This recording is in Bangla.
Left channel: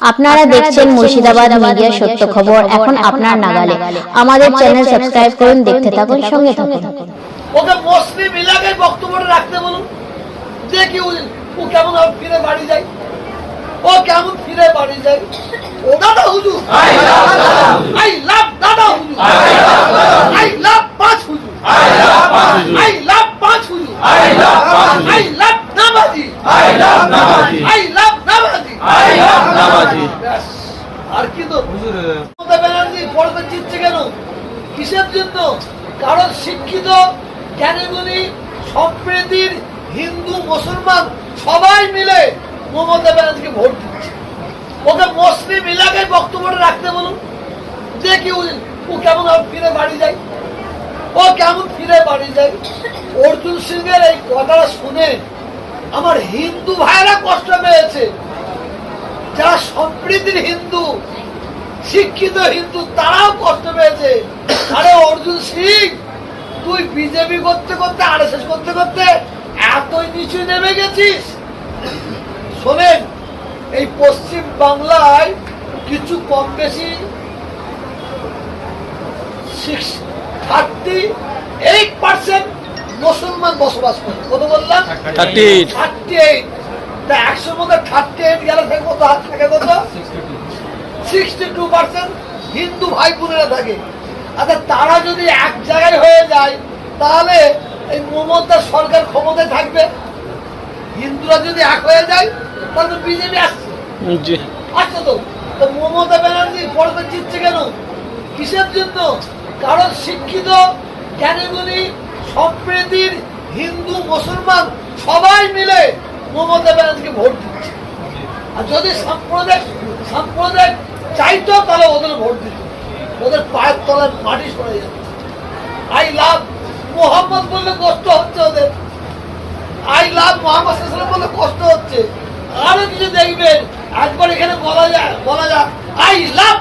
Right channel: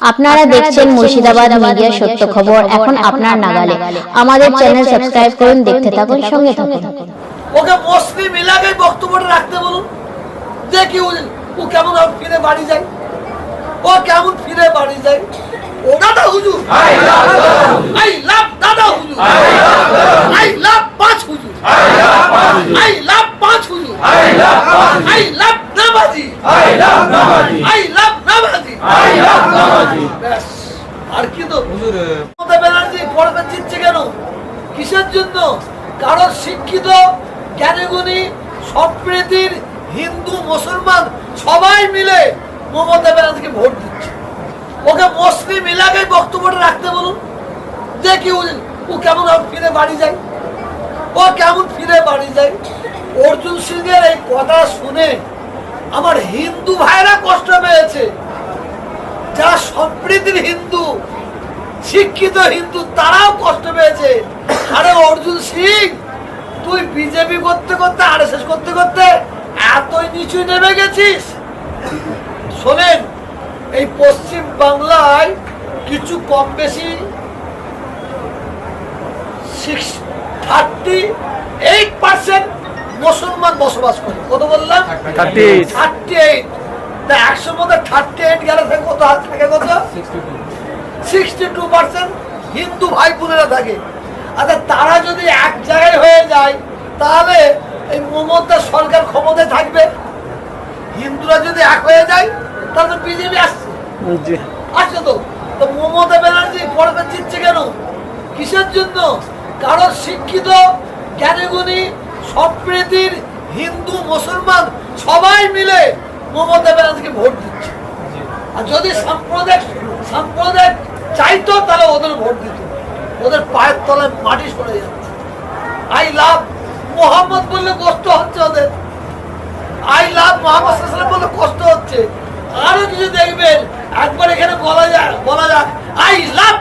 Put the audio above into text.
আপনারা দেখছেন মুর্শিদাবাদ মিডিয়া সত্য খবর। এখন আপনার নাগালে। আমাদের চ্যানেল সাবস্ক্রাইব করুন দেখতে থাকুন সঙ্গে থাকুন। ওকে মুসলিম এলাকায় বক্তব্যটা রাখতে বলুন। দেখি ও- কেমন ফিরে বাড়ি যায়। ও কেমন ফিরে বাড়ি যায়। ও দাদা হুজুর। আই লাভ দাদা। হুজুর। আই লাভ পাঁচ হুজুর। আই লাভ পাঁচ হুজুর। আই লাভ নামাজি আই লাভ নামাজি ব্যাস। আর কি তো মমতা ব্যানার্জি পড়বে জিতছে কেন? কিসের জন্য? কারণ শিক্ষিত, জ্ঞানীগুণী, সম্প্রীতির হিন্দু, মুসলমান সবাই মিলে মমতা ব্যানার্জিকে ভোট দিচ্ছে। ওকে মুসলিম এলাকায় বক্তব্যটা রাখতে বলুন। দেখি ও কেমন ফিরে বাড়ি যায়। ও কেমন ফিরে বাড়ি যায়। অর্জুন সিং এর এই কথা শুনে আমার হিন্দু ভাইরা কষ্ট পেয়েছে। যারা সম্প্রীতির হিন্দু শিক্ষিত হিন্দু তারাও কষ্ট পেয়েছে। আরে অর্জুন সিং তুই বিজেপি করতে করতে আর এস করতে করতে এতই নিচু নেমে গেছিস। শোনেন এই পশ্চিম বাংলায় কিছু কম বেশি সিক্স থার্টি এইট পার্সেন্ট মুসলমান বসবাস করে। কত বললাম? থার্টি এইট তা একশোর মধ্যে থার্টি এইট গেলে থাকে কত? হাত থাকে কত? সিক্সটি টু পার্সেন্ট হিন্দু ভাই বোনেরা থাকে। আচ্ছা তারা যদি এক জায়গায় হয়ে যায় তাহলে এই মমতার সরকার ক্ষমতায় থাকবে। হিন্দুরা যদি এক হয়ে যায় তাহলে বিজেপি আসছে। আসছে তো? তো মমতা ব্যানার্জি পড়বে জিতছে কেন? কিসের জন্য? কারণ শিক্ষিত জ্ঞানীগুণী সম্প্রীতির হিন্দু মুসলমান সবাই মিলে মমতা ব্যানার্জিকে ভোট দিচ্ছে। আর যদি সাম্প্রদায়িক সাম্প্রদায়িক চাইতো, তাহলে ওদের ভোট দিত। ওদের পায়ের তলায় মাটি সরে যাচ্ছে আই লাভ মোহাম্মদ বললে কষ্ট হচ্ছে ওদের। আই লাভ মোহাম্মদ সাল্লাম বলে কষ্ট হচ্ছে। আরও কিছু দেখবেন। একবার এখানে বলা যায়, বলা যাক, আই লাভ